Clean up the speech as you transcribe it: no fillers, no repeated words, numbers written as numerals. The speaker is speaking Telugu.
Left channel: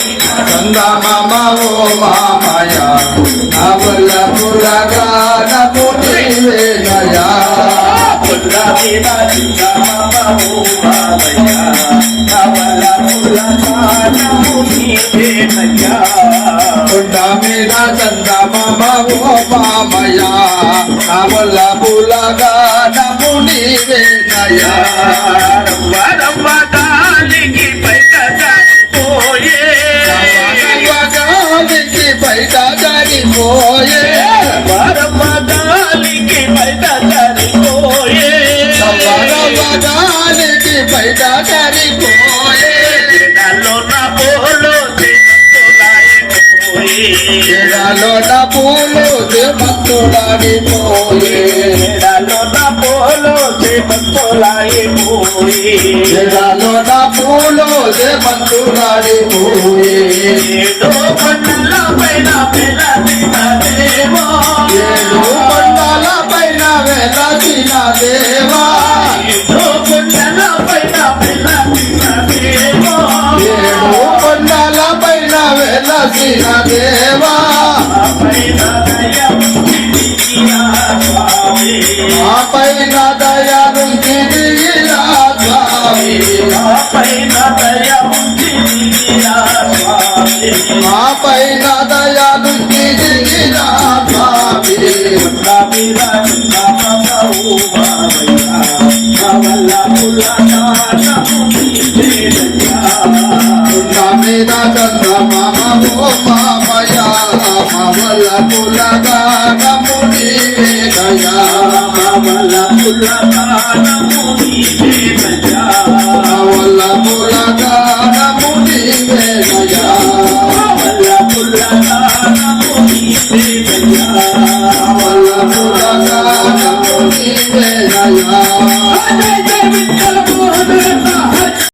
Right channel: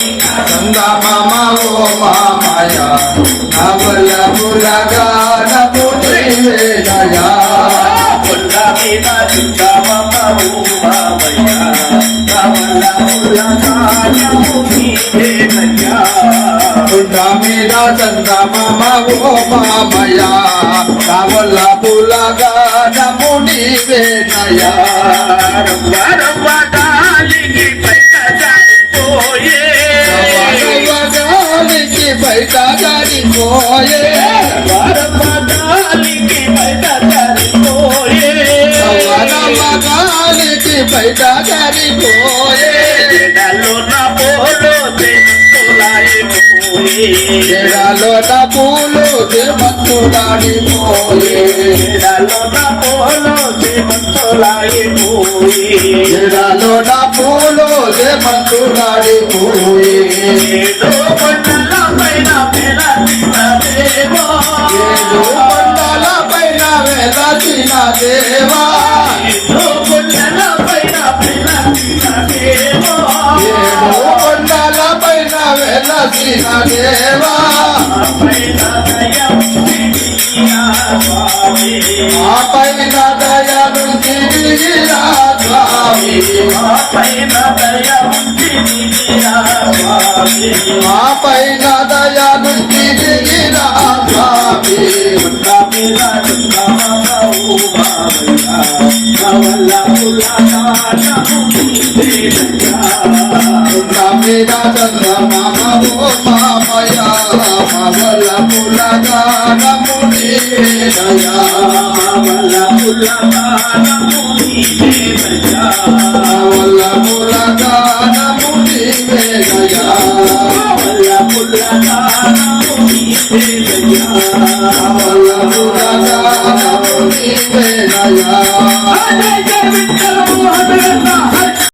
చందమామ ఓ మామయ నవల పులగానము నీవేనయా పుల్ల మీద చందమామ ఓ మామయ నవల పులగానము నీవేనయా పుట్ట మీద చందమామ ఓ మామయ నవల పులగానము నీవేనయా బయట జారిపోయే వరమగాలికి బయట జారిపోయే వరమగాలికి బయట జారిపోయే ఎడాలో నా పూలు దేమంతులాడిపోయే ఎడాలో నా పూలు దేమంతులాడిపోయే ఏడు కొండల పైన వెలసిన దేవా ఏడు కొండల పైన వెలసిన దేవా మా పైన దయలుంటిరా స్వామి మా పైన దయలుంటిరా స్వామి మీద చంద్రమామ ఓ మామయ మవల పులగానము నీవేనయా మవల పులగానము నీవేనయా నీవేనయా